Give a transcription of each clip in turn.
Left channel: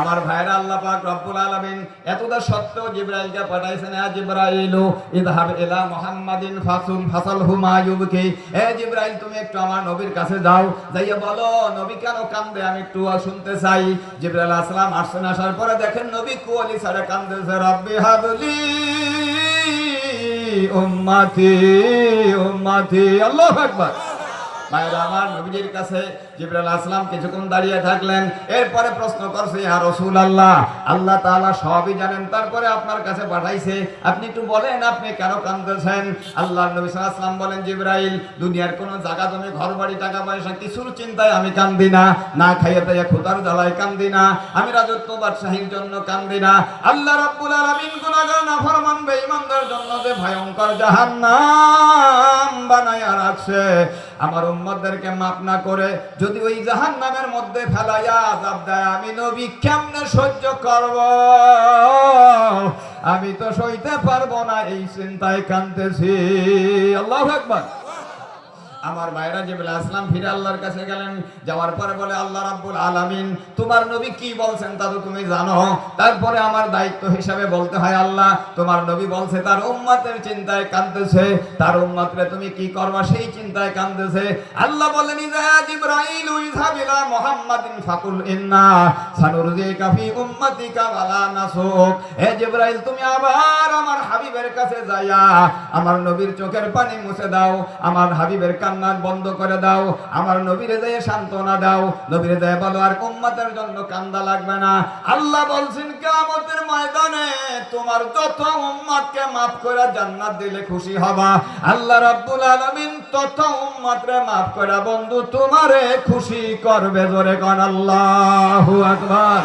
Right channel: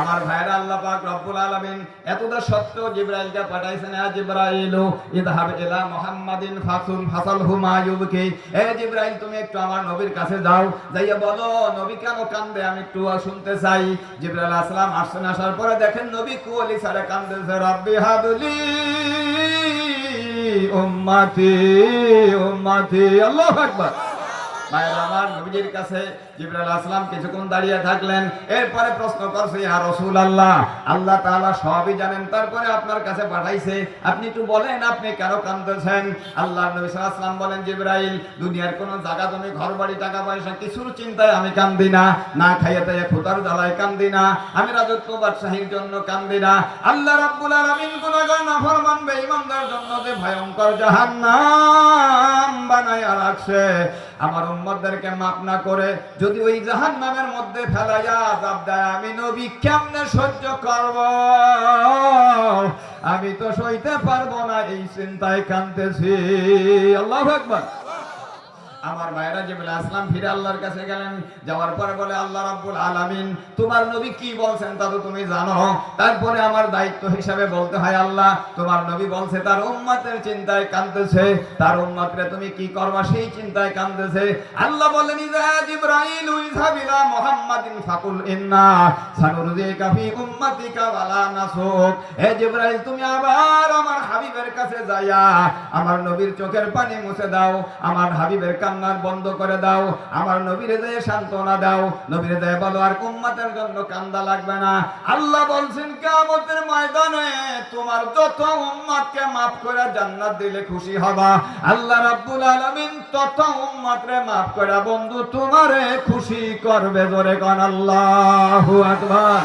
আমার ভাইরা, আল্লাহ পাক রব্বুল আলামিন এতটা সত্য জিবরাইলকে পাঠাইছেন। ইয়া জিবরাইলু ইযহাব ইলা মুহাম্মাদিন ফাসালহু মা ইউবকি। এ জিবরাইল, তুমি একটু আমার নবীর কাছে যাও, যাইয়া বলো নবী কেন কান্দে, আমি একটু শুনতে চাই। জিবরাইল আলাইহিস সালাম আসছেন, আসার পরে দেখেন নবী কুয়ালি ছাড়া কান্দেছে। রাব্বি হাবলি উম্মতি উম্মতি। আল্লাহু আকবার। ভাইরা আমার, নবীর কাছে জিবরাইল আলাইহিস সালাম কিছুক্ষণ দাঁড়িয়ে থাকলেন। এরপরে প্রশ্ন করছে, ইয়া রাসূলুল্লাহ, আল্লাহ তাআলা সবই জানেন, তারপরে আপনার কাছে পাঠাইছে, আপনি একটু বলেন আপনি কেন কাঁদতেছেন? আল্লাহ নবী সাল্লাল্লাহু আলাইহি ওয়াসাল্লাম বলেন, জিবরাইল, দুনিয়ার কোনো জায়গা জমি ঘর বাড়ি টাকা পয়সা কিছুর চিন্তায় আমি কান্দি না, না খাইয়ে তাইয়ে ক্ষুধার জ্বালায় কান্দি না, আমি রাজত্ব বাদশাহীর জন্য কান্দি না। আল্লাহ রাব্বুল আলামিন গুনাহগার নাফরমান বেঈমানদের জন্য যে ভয়ঙ্কর জাহান্নাম বানায়া রাখছে, আমার উম্মতদেরকে মাফ না করে যদি ওই জাহান্নামের মধ্যে ফেলাইয়া আযাব দেয়, আমি নবী কেমনে সহ্য করব? আমি তো সইতে পারবো না, এই চিন্তায় কাঁদতেছি। আল্লাহু আকবার। আমার ভাইরা, জিবরাইল আলাইহিস সালাম ফিরে আল্লাহর কাছে গেলেন। যাওয়ার পরে বলে, আল্লাহ রাব্বুল আলামিন তোমার নবী কি বলছেন তা তো তুমি জানো। তারপরে আমার দায়িত্ব হিসাবে বলতে হয়, আল্লাহ তোমার নবী বলছে তার উম্মতের চিন্তায় কাঁদতেছে, তার উম্মতরে তুমি কি করবা সেই চিন্তায় কাঁদতেছে। আল্লাহ বলেন, ইযা জিবরাইল ইযহাব ইলা মুহাম্মাদিন ফাকুল ইন্না সানুরজিকা ফি উম্মাতিকা ওয়ালা নাসুক। হে জিবরাইল, তুমি আবার আমার হাবিবের কাছে যাইয়া আমার নবীর চোখের পানি মুছে দাও, আমার হাবিবের কান্নার বন্ধ করে দাও, আমার নবীরে দিয়ে সান্ত্বনা দাও, নবীরে দিয়ে বলো আর উম্মতের জন্য কান্দা লাগবে না। আল্লাহ বলছেন, কিয়ামতের ময়দানে তোমার যত উম্মতকে maaf করে জান্নাত দিলে খুশি হবা, আল্লাহ রাব্বুল আলামিন তত উম্মতরে maaf করে বন্ধু তোমারে খুশি করবে। জোরে কোন আল্লাহু আকবার,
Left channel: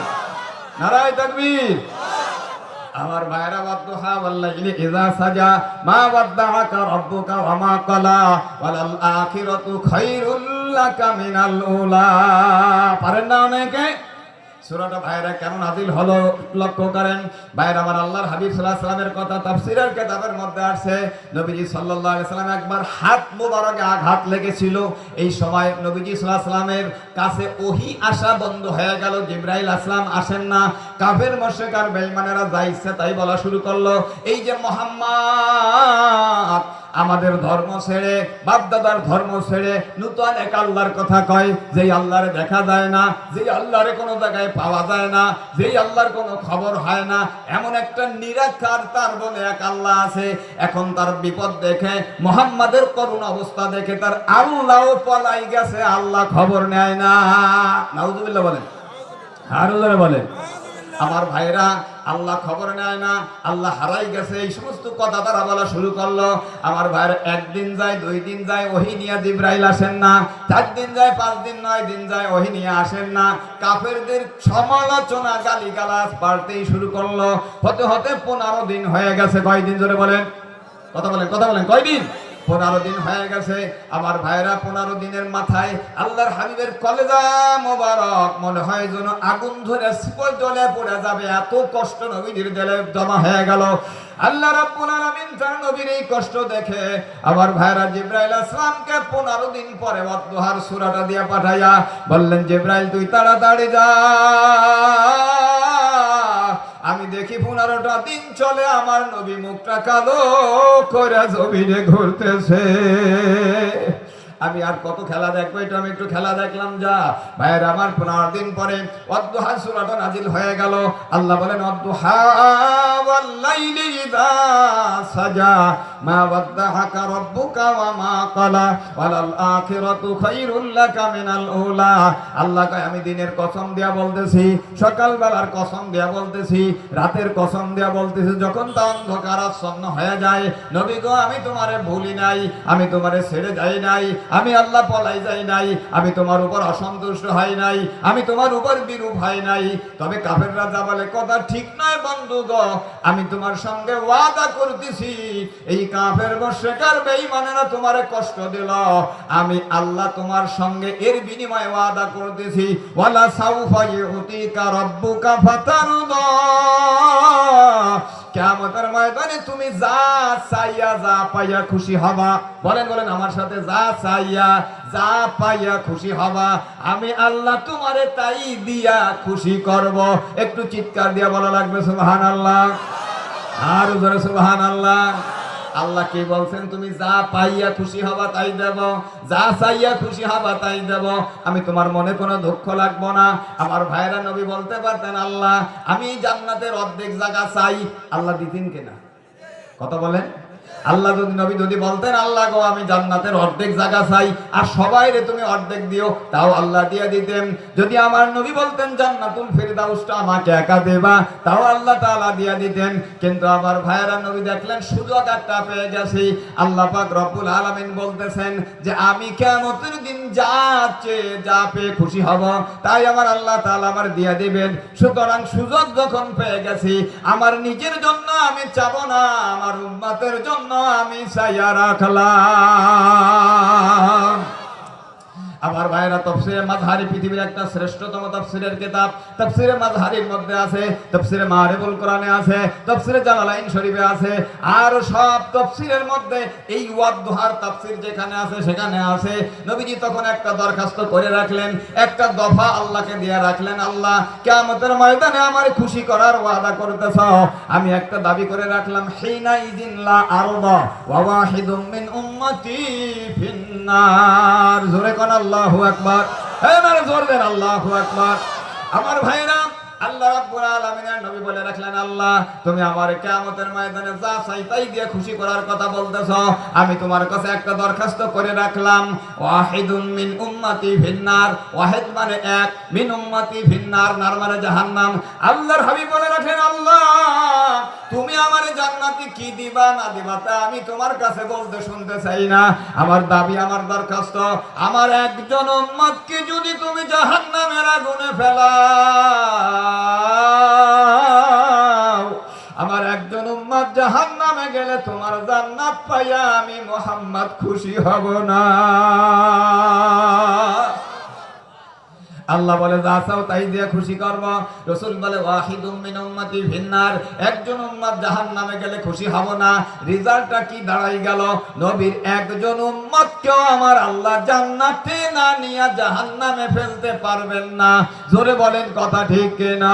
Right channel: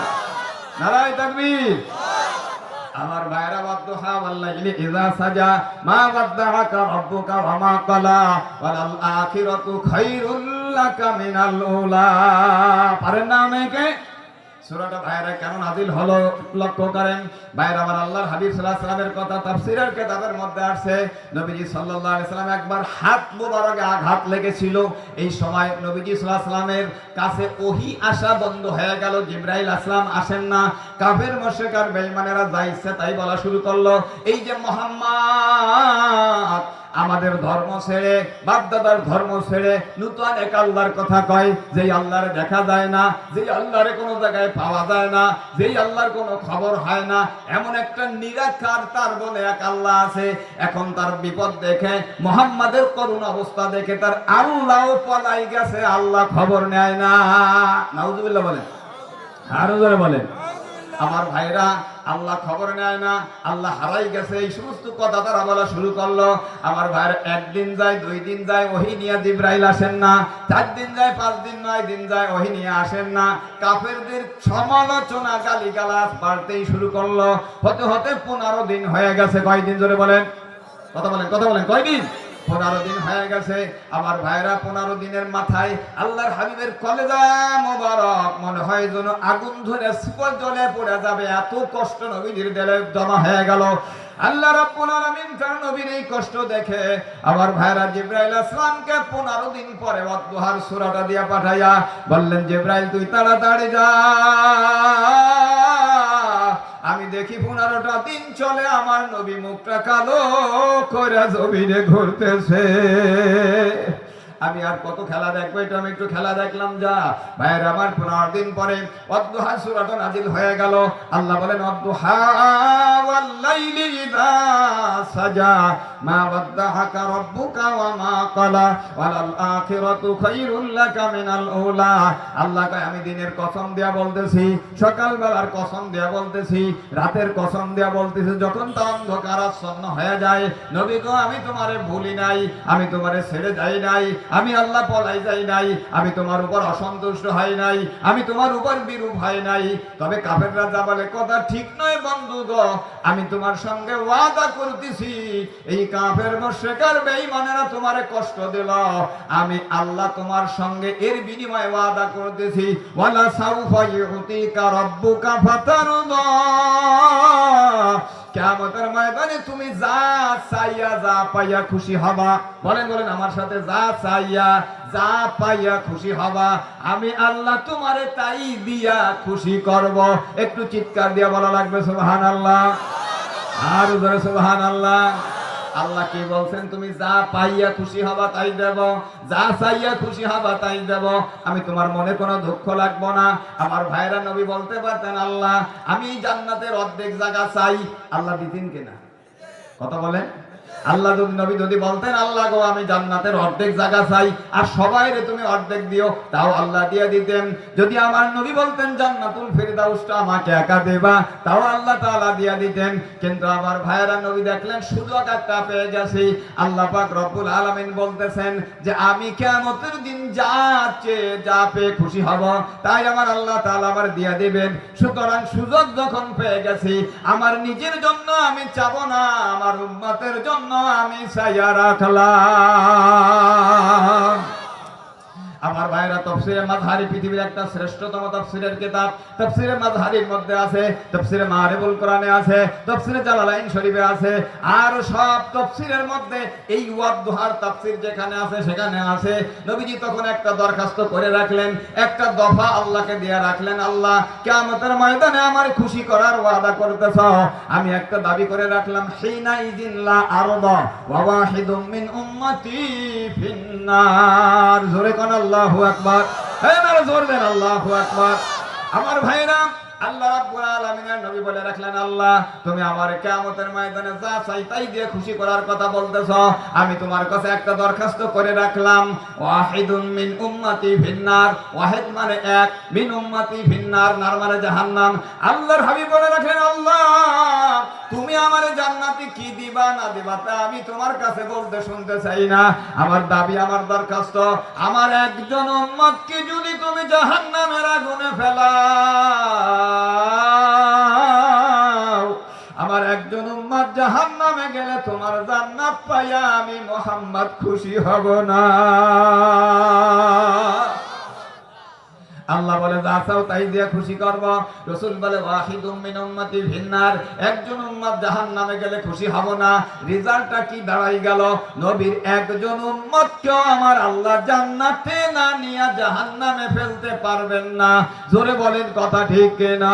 নারায়ে তাকবীর। আমার ভাইরা, ওয়াদুহা ওয়াল্লাইলি ইযা সাজা মা ওয়াদ্দাআকা রাব্বুকা ওয়া মা ক্বালা ওয়ালাল আখিরাতু খায়রুল লাকা মিনাল উলা। পারেন না অনেকে? সূরাটা ভাইরা কেন নাযিল হলো লক্ষ্য করেন। ভাইরা আমার, আল্লাহর হাবিব সাল্লাল্লাহু আলাইহি ওয়াসাল্লামের কথা তাফসীরের কিতাবের মধ্যে আছে, নবীজি সাল্লাল্লাহু আলাইহি ওয়াসাল্লাম একবার হাত মোবারকে আঘাত লেগেছিল। এই সময় নবীজি সাল্লাল্লাহু আলাইহি ওয়াসাল্লামের কাছে ওহী আসা বন্ধ হয়ে গেল, জিবরাইল আসলাম আসেন না। কাফের মুশরিক আর বেঈমানেরা যা ইচ্ছা তাই বলা শুরু করলো, এই যে মুহাম্মদ আমাদের ধর্ম ছেড়ে, বাপদাদার ধর্ম ছেড়ে নতুন এক আল্লাহর কথা কয়, যেই আল্লাহর দেখা যায় না, যেই আল্লাহর কোনো জায়গায় পাওয়া যায় না, যেই আল্লাহর কোনো খবর হয় না, এমন একটা নিরাকার তার বলে এক আল্লাহ আছে। এখন তার বিপদ দেখে, মুহাম্মাদের করুণ অবস্থা দেখে তার আল্লাহও পলাই গেছে, আল্লাহ খবর নেয় না। নাউযুবিল্লাহ বলেন, আরো জোরে বলেন। আমার ভাইরা, আল্লাহ খবর নেয় না, আল্লাহ হারাই গেছে, এই সমস্ত কথা তারা বলা শুরু করলো। আমার ভাইরা, একদিন যায়, 2 দিন যায়, ওহী নিয়ে জিবরাইল আসেন না, 4 দিন যায়, 5 দিন 9 দিন যায়, ওহী নিয়ে আসেন না। কাফেরদের সমালোচনা গালিগালাজ বাড়তেই শুরু করলো। হতে হতে 15 দিন হয়ে গেছে। কয় দিন? জোরে বলেন, কথা বলেন, কথা বলেন, কয় দিন? 15 দিন হয়ে গেছে। আমার ভাইরা, 15 দিনের মাথায় আল্লাহর হাবিবের কলেজা মোবারক মনে হয় যেন আগুন ধরে শিকল জ্বলে পড়ে যাবে, এত কষ্ট নবীর দিলে জমা হয়ে গেল। আল্লাহ রাব্বুল আলামিন তার নবীর এই কষ্ট দেখে আমার ভাইরা জিবরাইল আসলামকে 15 দিন পরে ওয়াদুহার সূরাটা দিয়ে পাঠাইয়া বললেন, জিবরাইল তুই তাড়াতাড়ি যা, আমি দেখি 15টা দিন চলে আমার নবী মুখটা কালো করে জমিনে ঘুরতেছে। আমি আর কত খেলা দেখবো, এটা আমি একটু খেলা দেখলাম যা। ভাইরা আমার, 15 দিন পরে ওয়াদুহা সূরাটা নাযিল হয়ে গেল। আল্লাহ বলেন, ওয়াদুহা ওয়াল লাইলি ইযা সাজা মা ওয়াদ্দাআকা রাব্বুকা ওয়া মা ক্বালা ওয়ালাল আখিরাতু খায়রুল লাকা মিনাল উলা। আল্লাহ কয়, আমি দিনের কসম দেয়া বলতেছি, সকালবেলার কসম দেয়া বলতেছি, রাতের কসম দেয়া বলতেছি, যখন তা অন্ধকারাচ্ছন্ন হয়ে যায়, নবী গো আমি তোমারে ভুলি নাই, আমি তোমারে ছেড়ে যাই নাই, আমি আল্লাহ পলাই যাই নাই, আমি তোমার উপর অসন্তুষ্ট হই নাই, আমি তোমার উপর বিরূপ হই নাই। তবে কাফেররা যা বলে কথা ঠিক নয় বন্ধু গো, আমি তোমার সঙ্গে ওয়াদা করতেছি, এই কাফের মুশরিক আর বেঈমানেরা তোমারে কষ্ট দিল, আমি আল্লাহ তোমার সঙ্গে এর বিনিময়ে ওয়াদা করতেছি, ওয়ালা সাউফা ইউতিকা রাব্বুকা ফাতারদা, কিয়ামতের ময়দানে তুমি যা চাইয়া যা পাইয়া খুশি হবা। বলেন বলেন আমার সাথে, যা চাইয়া যা পাইয়া খুশি হবা, আমি আল্লাহ তোমারে তাই দিয়া খুশি করব। একটু চিৎকার দিয়া বলা লাগবে সুবহানাল্লাহ, আর জোরে সুবহানাল্লাহ। আল্লাহ কি বলছেন? তুমি যা পাইয়া খুশি হবা তাই দেব, যা চাইয়া খুশি হবা তাই দেব, আমি তোমার মনে কোনো দুঃখ লাগবো না। আমার ভাইরা নবী বলতে পারতেন, আল্লাহ আমি জান্নাতের অর্ধেক জায়গা চাই, আল্লাহ দিতেন কিনা? কথা বলেন। আল্লাহ যদি বলতেন, আল্লাহ গো আমি জান্নাতের অর্ধেক জায়গা চাই আর সবাইরে তুমি অর্ধেক দিও, তাও আল্লাহ দিয়ে দিতেন। যদি আমার নবী বলতেন জান্নাতুল ফিরদাউসটা আমাকে একা দেবা, তাও আল্লাহ তাআলা দিয়ে দিতেন। কিন্তু আমার ভাইরা নবী দেখলেন সুযোগ একটা পেয়ে গেছি। আল্লাহ পাক রব্বুল আলামিন বলতেছেন যে আমি কিয়ামতের দিন যা চেয়ে যা পেয়ে খুশি হব, তাই আমার আল্লাহ তাআলা আমার দিয়ে দিবেন। সুতরাং সুযোগ যখন পেয়ে গেছি, আমার নিজের জন্য আমি চাবো না, আমার উম্মতের জন্য আমি চাইয়া রাখলাম। আমার ভাইরা, তাফসীরে মাযহারি পৃথিবীর একটা শ্রেষ্ঠতম তাফসীরের কিতাব। তাফসীরে মাযহারির মধ্যে আছে, তাফসীরে মারিফুল কোরআনে আছে, তাফসীরে জালালাইন শরীফে আছে, আর সব তাফসীরের মধ্যে এই ওয়াদদুহার তাফসীর যেখানে আছে সেখানে আছে। নবীজি তখন একটা দরখাস্ত করে রাখলেন, একটা দফা আল্লাহকে দিয়ে রাখলেন, আল্লাহ কিয়ামতের ময়দানে আমার খুশি করার ওয়াদা করতেছ, আমি একটা দাবি করে রাখলাম, হিনা ইযিন লা আরবা ওয়া ওয়াহিদুম মিন উম্মতি ফিন্নার। জোরে কোন আল্লাহু আকবার, এই মার জোর দেন আল্লাহু আকবার। আমার ভাইরা, আল্লাহ রাব্বুল আলামিনের নবী বলে রাখলেন, আল্লাহ তুমি আমার কিয়ামতের ময়দানে যা চাই তাই দিয়ে খুশি করার কথা বলতেছ, আমি তোমার কাছে একটা দরখাস্ত করে রাখলাম, ওয়াহিদুম মিন উম্মতি ফিন্নার। ওয়াহিদ মানে এক, মিন উম্মতি ফিন্নার, নার মানে জাহান্নাম। আল্লাহর হাবিব বলে রাখলেন, আল্লাহ তুমি আমারে জান্নাতে কি দিবা না দিবা তা আমি তোমার কাছে বলতে শুনতে চাই না। আমার দাবি, আমার দরখাস্ত, আমার একজন উম্মতকে যদি তুমি জাহান্নামের আগুনে ফেলাও, আমার একজন উম্মত জাহান্নামে গেলে তোমার জান্নাত পাইয়া আমি মুহাম্মদ খুশি হব না। আল্লাহ বলে যা চাও তাই দিয়ে খুশি করব। রাসূল বলে ওয়াহিদুম মিন উম্মতি ফিন্নার, একজন উম্মত জাহান্নামে গেলে খুশি হব না। রেজাল্টটা কি দাঁড়াই গেল? নবীর একজন উম্মতকেও আমার আল্লাহ জান্নাতে না নিয়ে জাহান্নামে ফেলতে পারবেন না। জোরে বলেন কথা ঠিক কিনা?